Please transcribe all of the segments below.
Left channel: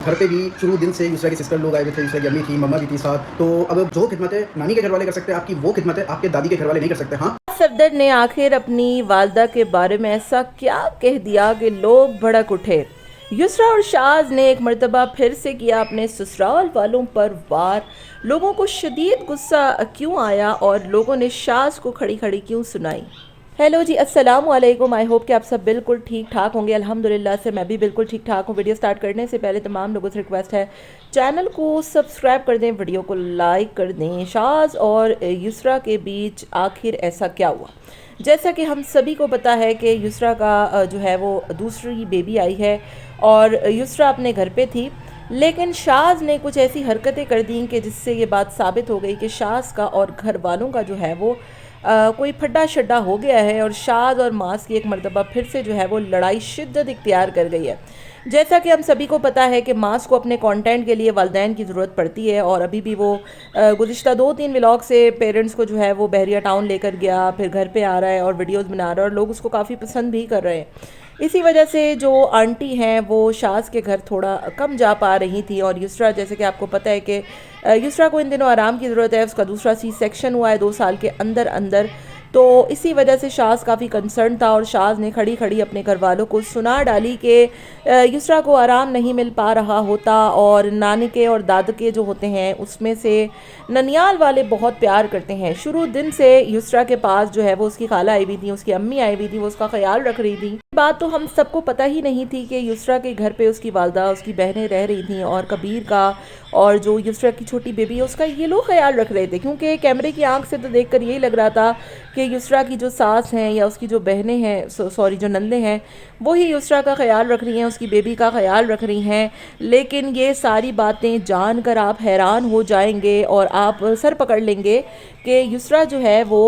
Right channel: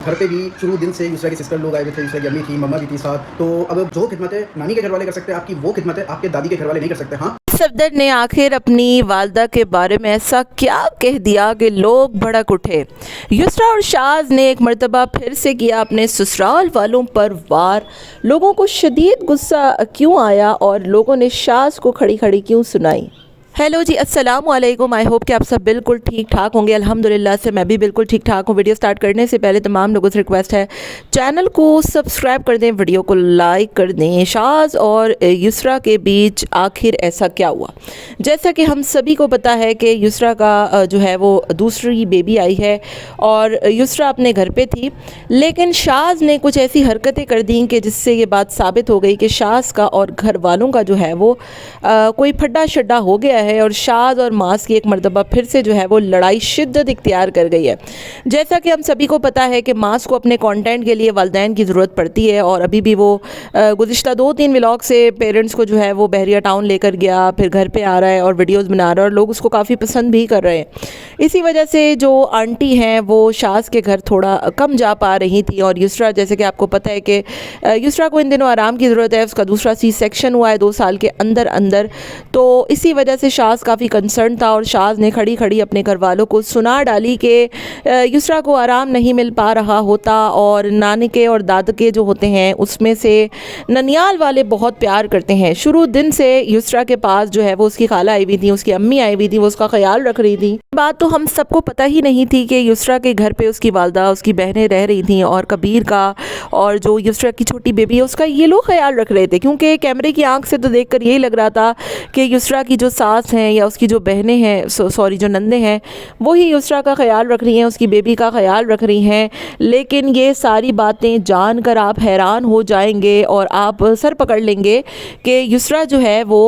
घर पे भी शुरू दिन से यूसरा के सिस्टर लोग आए हुए थे, यूसरा की अम्मी थी, मम्मा भी थी साथ। तो अब जो खिदमतें नानी के घर वाले कर सकते हैं आपकी, वो खिदमतें आपके दादी के घर वाले नहीं कर सकते। हाँ, सफदर ने आखिर अपनी वालदा के बारे में ऐसा क्या कह दिया कि लोग भड़क उठे। युसरा और शाज ने एक मर्तबा फिर से किया अपने ससुराल वालों पर वार। लोगों को शदीद गुस्सा क्यों आया और लोगों ने शाज को खड़ी खड़ी क्यों सुनाई। हेलो जी, अस्सलाम वालेकुम। आई होप कि आप सब बिल्कुल ठीक ठाक होंगे। अल्हम्दुलिल्लाह से मैं भी बिल्कुल ठीक ठाक हूँ। वीडियो स्टार्ट करने से पहले तमाम लोगों से रिक्वेस्ट है, चैनल को सब्सक्राइब कर दें, वीडियो को लाइक कर दें। शाज और युसरा के बीच आखिर ऐसा क्या हुआ। जैसा कि हम सभी को पता है कि युसरा का जो है वो दूसरी बेबी आई है और युसरा अपने घर पे थी, लेकिन शाज ने कुछ ऐसी हरकतें कर दी कि जिससे ये बात साबित हो गई कि शाज का और घर वालों का जो है वो कोई फड्डा शड्डा हो गया है और शाज और मास की एक मर्तबा फिर से जो है वो लड़ाई शिद्दत इख्तियार कर गई है। जैसा कि हम सभी को पता है कि मास को अपने कंटेंट के लिए वालिदैन की ज़रूरत पड़ती है और अभी भी वो गुज़िश्ता 2-3 व्लॉग से पेरेंट्स को जो है वो बहरिया टाउन लेकर गया, फिर घर पे आ रहा है और वीडियोस बना रहा है और लोग उसको काफ़ी पसंद भी कर रहे हैं। इसी वजह से जो आंटी हैं वो शाज के घर थोड़ा कम जा पा रही थी और युसरा, जैसे कि आपको पता है कि युसरा को इन दिनों आराम की ज़रूरत है, उसका दूसरा C-सेक्शन हुआ है 2 साल के अंदर अंदर। तो इसी वजह से शाज काफ़ी कंसर्न था और शाज ने खड़ी खड़ी अपने घर वालों को सुना डाली कि युसरा को आराम नहीं मिल पा रहा होता और नानी के और दाद के जो होते हैं उसमें से ननियाल वाले बहुत प्यार करते हैं। शुरू दिन से युसरा के पास जो है वो उसकी खाला आई हुई थी, उसकी अम्मी आई हुई थी, वो उसका ख्याल रख रही थी। बात तो हम सबको पता ही नहीं थी कि युसरा के घर पे उसकी वालदा, उसकी बहनें रह रही थी और कबीर का और जो युसरा की छोटी बेबी है उसका ये लोग ख्याल रख रहे थे, क्योंकि कैमरे की आंख से तो देखकर यही लग रहा था कि युसरा की जो सास हैं या उसकी जो बहनें हैं, सॉरी जो नंदे हैं, वही युसरा का ख्याल रख रही हैं, उसकी बेबी का ख्याल रख रही हैं। लेकिन ये सारी बातें जानकर आप हैरान हो जाएंगे और आप सर पकड़ लेंगे कि युसरा जो है वो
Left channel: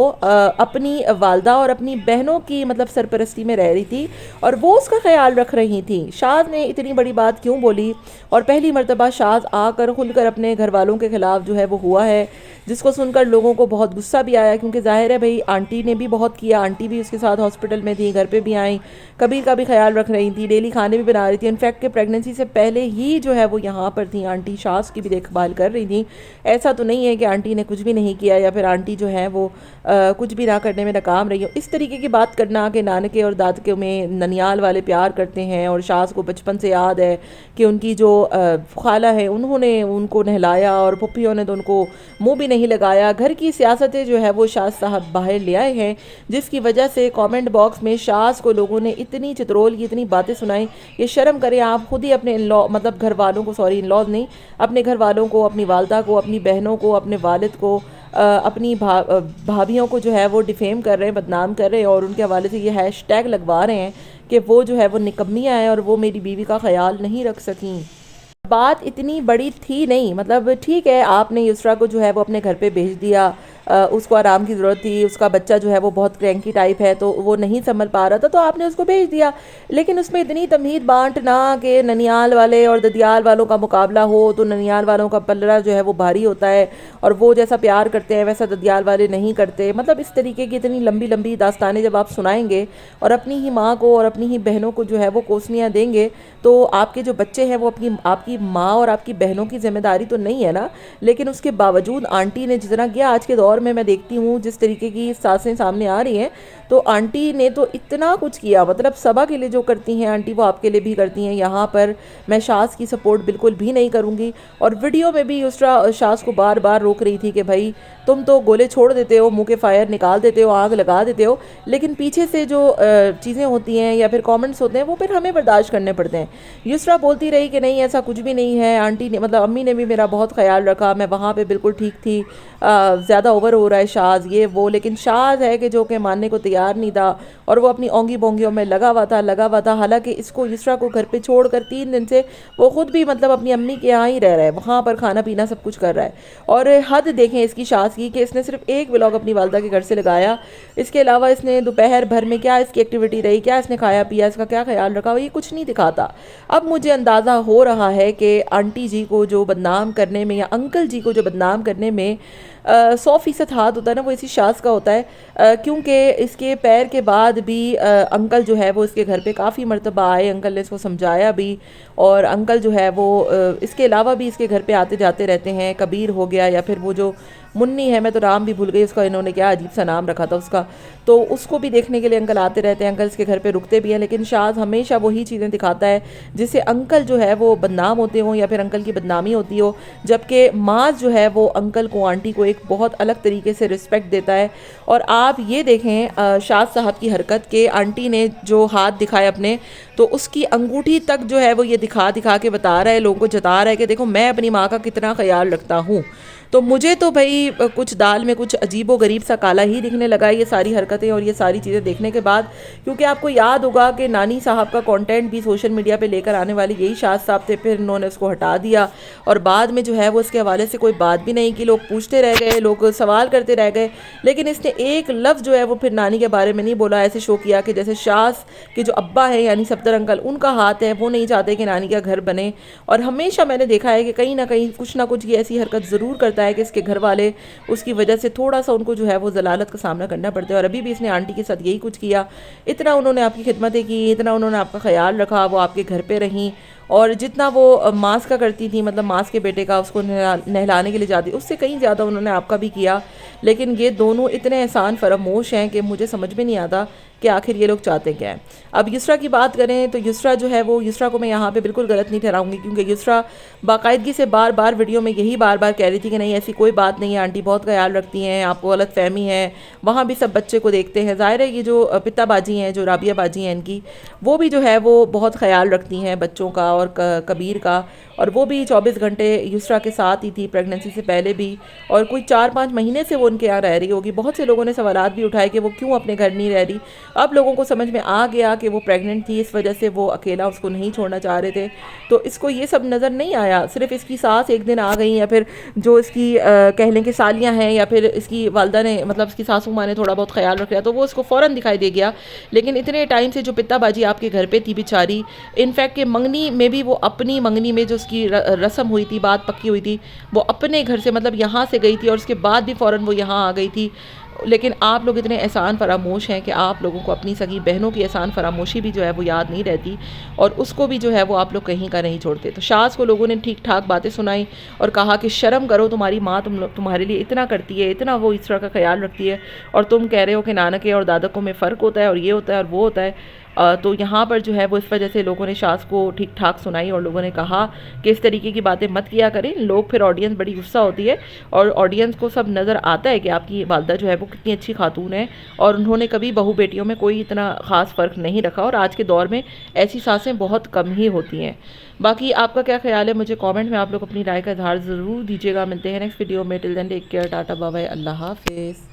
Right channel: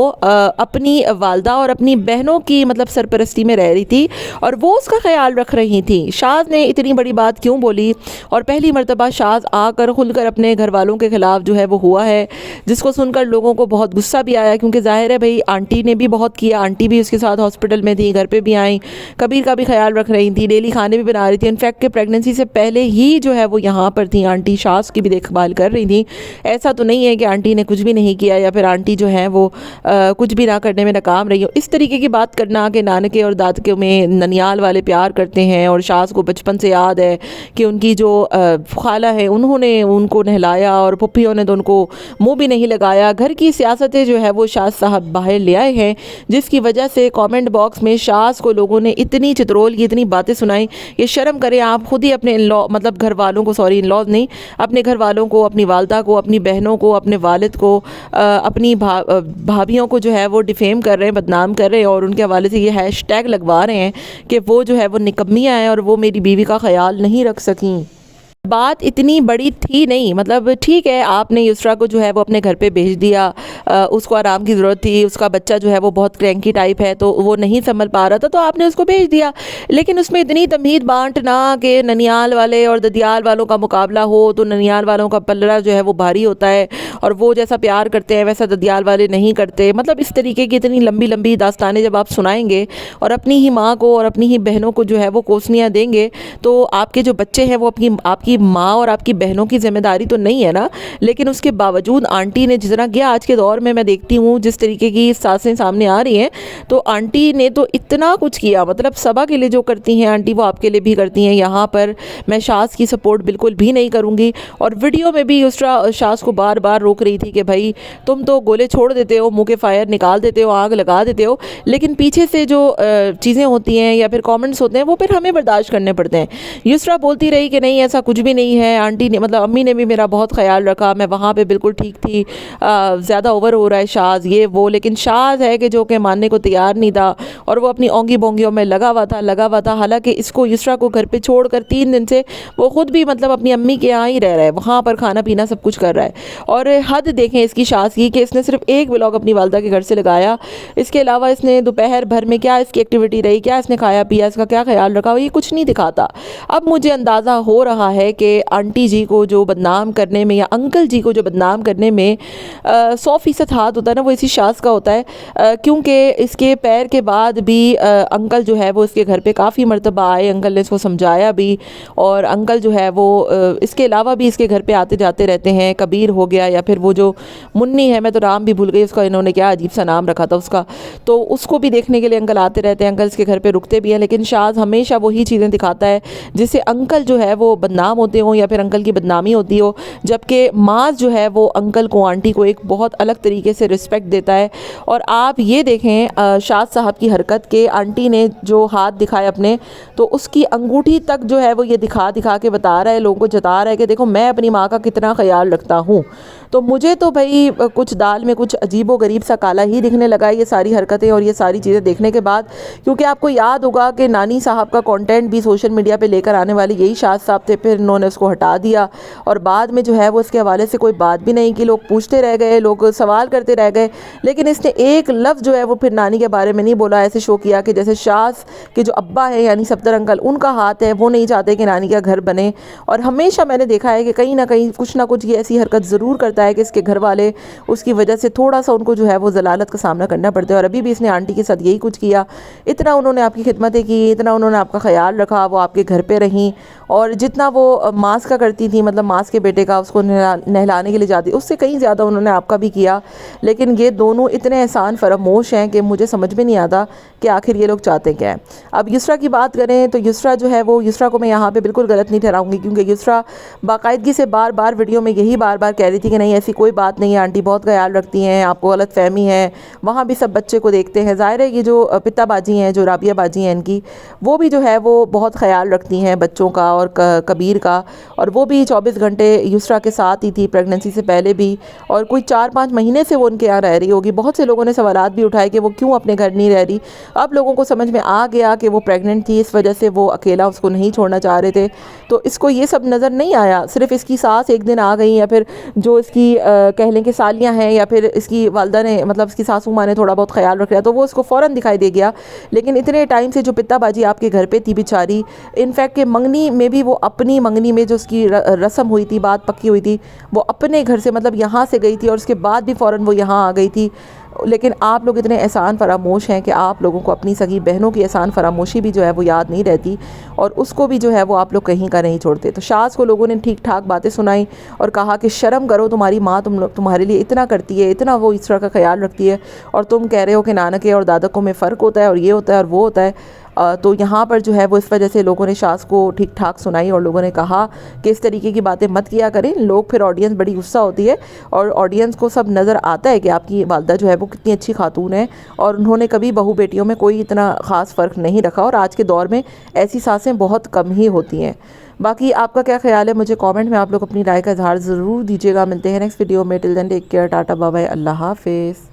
अपनी वालदा और अपनी बहनों की मतलब सरपरस्ती में रह रही थी और वो उसका ख्याल रख रही थी। शाज ने इतनी बड़ी बात क्यों बोली और पहली मर्तबा शाज आकर खुलकर अपने घर वालों के ख़िलाफ़ जो है वो हुआ है, जिसको सुनकर लोगों को बहुत गुस्सा भी आया, क्योंकि ज़ाहिर है भाई आंटी ने भी बहुत किया, आंटी भी उसके साथ हॉस्पिटल में थी, घर पे भी आई, कबीर का भी ख्याल रख रही थी, डेली खाने भी बना रही थी। इनफैक्ट कि प्रेगनेंसी से पहले ही जो है वो यहाँ पर थी, आंटी शाज की भी देखभाल कर रही थी। ऐसा तो नहीं है कि आंटी ने कुछ भी नहीं किया या फिर आंटी जो है वो कुछ भी ना करने में नाकाम रही हो। इस तरीके की बात करना कि नानके और दादके में ननियाल वाले प्यार करते हैं और शाज को बचपन से याद है कि उनकी जो खाला है उन्होंने उनको नहलाया और पुप्पियों ने तो उनको मुँह भी नहीं लगाया। घर की सियासतें जो है वो शाज साहब बाहर ले आए हैं, जिसकी वजह से कमेंट बॉक्स में शाज को लोगों ने इतनी चित्रोल की इतनी बातें सुनाई। ये शर्म करें आप, खुद ही अपने इन-लॉ मतलब घर वालों को, सॉरी इन-लॉज नहीं, अपने घर वालों को, अपनी वालदा को, अपनी बहनों को, अपने वालिद को, अपनी भाभियों को जो है वो डिफेम कर रहे हैं, बदनाम कर रहे हैं और उनके हवाले से ये हैशटैग लगवा रहे हैं कि वो जो है वो निकम्मियाँ हैं और वो मेरी बीवी का ख्याल नहीं रख सकीं। बात इतनी बड़ी थी नहीं, मतलब ठीक है आपने युसरा को जो है वो अपने घर पे भेज दिया, उसको आराम की ज़रूरत थी, उसका बच्चा जो है वो बहुत क्रैंकी टाइप है तो वो नहीं संभल पा रहा था तो आपने उसको भेज दिया। लेकिन उसमें इतनी तमीज़ बांटना कि ननियाल वाले और ददियाल वालों का मुकाबला हो तो ननियाल वालों का पल्ला जो है वो भारी होता है और वो जैसा प्यार करते हैं वैसा ददियाल वाले नहीं करते। मतलब इस तरीके की इतनी लंबी लंबी दास्तानें जब आप सुनाएंगे और अपनी ही माँ को और अपनी ही बहनों को जो है वो कोसनियाँ देंगे तो आपके जो बच्चे हैं वो आपकी माँ और आपकी बहनों की जिम्मेदारी तो नहीं है ना। लेकिन उसके बावजूद आंटी ने जिस तरह किया, आज के दौर में मैं देखती हूँ जिस तरीके की सासें सामने आ रही हैं, तो आंटी ने तो इतना कुछ किया, मतलब सबा के लिए जो करती हैं आंटी वो आपके लिए भी करती हैं। यहाँ पर मैं शाज की सपोर्ट बिल्कुल भी नहीं करूँगी और वीडियो में भी युसरा शाज को बार बार रोक रही थी कि भाई तुम तो गोले छोड़ देते हो, मुँह के फायर निकाल देते हो, आग लगा देते हो, लेकिन पीछे से जो चीज़ें होती हैं या फिर कॉमेंट्स होते हैं वो फिर हमें बर्दाश्त करने पड़ते हैं। युसरा बोलती रही कि नहीं ऐसा कुछ भी नहीं है, आंटी ने मतलब अम्मी ने भी मेरा बहुत ख्याल रखा, मैं वहाँ पे बिल्कुल ठीक थी, ज़्यादा ओवर हो रहा है शाज ये वो। लेकिन शाज है कि जो कि मानने को तैयार नहीं था और वो अपनी ओंगी बोंगियों में लगा हुआ था। हालांकि इसको युसरा को घर पे छोड़कर 3 दिन से वो खुद भी मतलब अपनी अम्मी के यहाँ ही रह रहा है, वहाँ पर खाना पीना सब कुछ कर रहा है। और हद देखें इसकी शाज की कि इसने सिर्फ एक व्लॉग अपनी वालदा के घर से लगाया, इसके अलावा इसने दोपहर भर में क्या इसकी एक्टिविटी रही, क्या इसने खाया पिया, इसका क्या ख्याल रखा, ये कुछ नहीं दिखाता। अब मुझे अंदाज़ा हो रहा है है कि आंटी जी को जो बदनाम करने में या अंकल जी को जो बदनाम करने में 100% हाथ होता है ना, वो इसी शाज़ का होता है, क्योंकि इसके पैर के बाद भी अंकल जो है वो इसके घर पे काफ़ी मरतबा आए, अंकल ने इसको समझाया भी, और अंकल जो है वो इसके अलावा भी इसके घर पे आते जाते रहते हैं। कबीर हो गया, या फिर वो जो मुन्नी है, मैं तो नाम भी भूल गई उसका, इन्होंने क्या अजीब सा नाम रखा था उसका, तो उसको भी देखने के लिए अंकल आते रहते हैं, अंकल इसके घर पे रुकते भी हैं। लेकिन शाज़ हमेशा वही चीज़ें दिखाता है जिससे अंकल जो है वो बदनाम होते हों या फिर अंकल की बदनामी होती हो, जबकि माज जो है वो अंकल को, आंटी को एक बहुत अलग तरीके से रिस्पेक्ट देता है। और आप ये देखें शाज़ साहब की हरकत के, आंटी ने जो हाथ दिखाए अपने, तो उसकी अंगूठी तक जो है वो ये दिखा दिखा के बता रहा है, लोगों को जता रहा है कि देखो मैं अपनी माँ का कितना ख्याल रखता हूँ। तो मुझे तो भाई कुछ दाल में कुछ अजीबो गरीब सा काला ही दिखने लगा ये सारी हरकतें और ये सारी चीज़ें देखने के बाद, क्योंकि आपको याद होगा कि नानी साहब का कंटेंट भी सोशल मीडिया पे लेकर आने वाले यही शाज़ साहब थे, फिर इन्होंने उसको हटा दिया और बाद में जो है वो इसके हवाले से कोई बात भी नहीं की, लोग पूछते रह गए, लोग सवाल करते रह गए, लेकिन इसने एक लफ्ज़ जो है वो फिर नानी के बारे में नहीं बोला। ऐसे शो किया कि जैसे शाज़ के जो अब्बा है यानी सफदर अंकल, उनका हाथ है, वो नहीं चाहते कि नानी का घर बने। और हमेशा मैंने देखा है कि कहीं ना कहीं कुछ ना कुछ ये ऐसी हरकत ज़रूर करता है कि इसके घर वाले उसकी वजह से थोड़ा सा उनको जो है वो ज़लालत का सामना करना पड़ता है। और अभी भी इसने आंटी के साथ यही कुछ किया, इतना उन्होंने आपकी खिदमतें की, इतना उन्होंने आपका ख्याल रखा, वो आपके घर पे रहीं, और जितना वो मास का करती थी, मतलब मास के बेटे का उसको नहलाने के लिए जाती, उससे कहीं ज़्यादा उन्होंने आपका भी किया। लेकिन ये दोनों इतने एहसान फरामोश हैं कि मुझे समझ में नहीं आता कि आखिर ये लोग चाहते क्या हैं। अब युसरा की बात करें तो युसरा जो है वो, युसरा को मैं यहाँ पे बिल्कुल गलत नहीं ठहराऊंगी, क्योंकि युसरा बाकायदगी से बार बार वीडियो में यही बार बार कह रही थी कि नहीं ऐसी कोई बात नहीं है, आंटी बहुत ख्याल रखती हैं, आपको गलत फहमी है, वहाँ भी सब बच्चे को देखते हैं। ज़ाहिर है ये जो पिता बाजी हैं, जो राबिया बाजी हैं इनकी, वो भी जो है वो बहुत ख्याल रखती हैं बच्चों का और कबीर का, और वो भी 24 घंटे युसरा के साथ ही थी प्रेगनेंसी से पहले भी, और कोई 4-5 महीने से वो उनके यहाँ रह रही होगी। बहुत से लोगों ने सवालात भी उठाए कि वो क्यों अपने घर नहीं रह रही। अब लोगों को समझ में आ गया कि वो प्रेग्नेंट थी, इस वजह से वो अकेला उसको नहीं छोड़ना चाह रहे थे, तो इसको ये सब नज़र नहीं आया। सिर्फ इसकी सास एक दिन आ गई, या फिर जो इसकी कह लें कि सालियाँ हैं, या फिर इसकी वालदा ने, मतलब इसकी सासू माँ ने थोड़ा बहुत ख्याल रख लिया, तो वो उसको फ़ौरन दिखाई दे गया। लेकिन इतने टाइम से जो पित्ताबाजी आपके घर पे थी बेचारी, इनफैक्ट कि मंगनी में भी वो अपनी मंगनी में जो उसकी रस्म हुई थी, बात पक्की हुई थी, वो अपने घर से, मतलब यहाँ से गई थी, और उसके बाद भी फ़ौरन वो यहाँ आ गई थी। लेकिन आप लोग इतने एहसान फरामोश हैं कि आप लोगों को अपनी सगी बहनों की एहसान फरामोशी भी जो है वो याद नहीं रहती, और उसको भी जो है वो आप लोग कहीं का नहीं छोड़ते। तो शाज़ को लोगों ने ठीक ठाक बातें सुनाई और कहा कि शर्म करो, तुम्हारी माँ तुम्हारे लिए इतना करती है, इतना वो इस तरह का ख्याल रखती है, और तुम कह रहे हो कि नानके और दादकों में फ़र्क होता है, और ये होता है और वो होता है। तो यहाँ पर जो है वो इस वजह से लोगों ने शाज़ को ठीक ठाक सुनाई, और लोगों ने कहा कि इस तरीके की बातें मत किया करें लोग, फिर ऑडियंस बड़ी गुस्सा होती है, और ऑडियंस को सब नज़र आता है कि आपकी वालदा जो है वो कितनी अच्छी खातून है, और उन्होंने कभी बहू बेटियों में कोई इतना ख़ास फ़र्क नहीं रखा, और आज के दौर में ऐसी सासें बहुत कम ही होती हैं। बाकी आपका क्या ख्याल है, मुझे कमेंट में आप लोग अपनी राय का इजहार ज़रूर दीजिएगा। मिलते हैं नेक्स्ट वीडियो में, till then take care, tata bye bye, अल्लाह हाफिज़।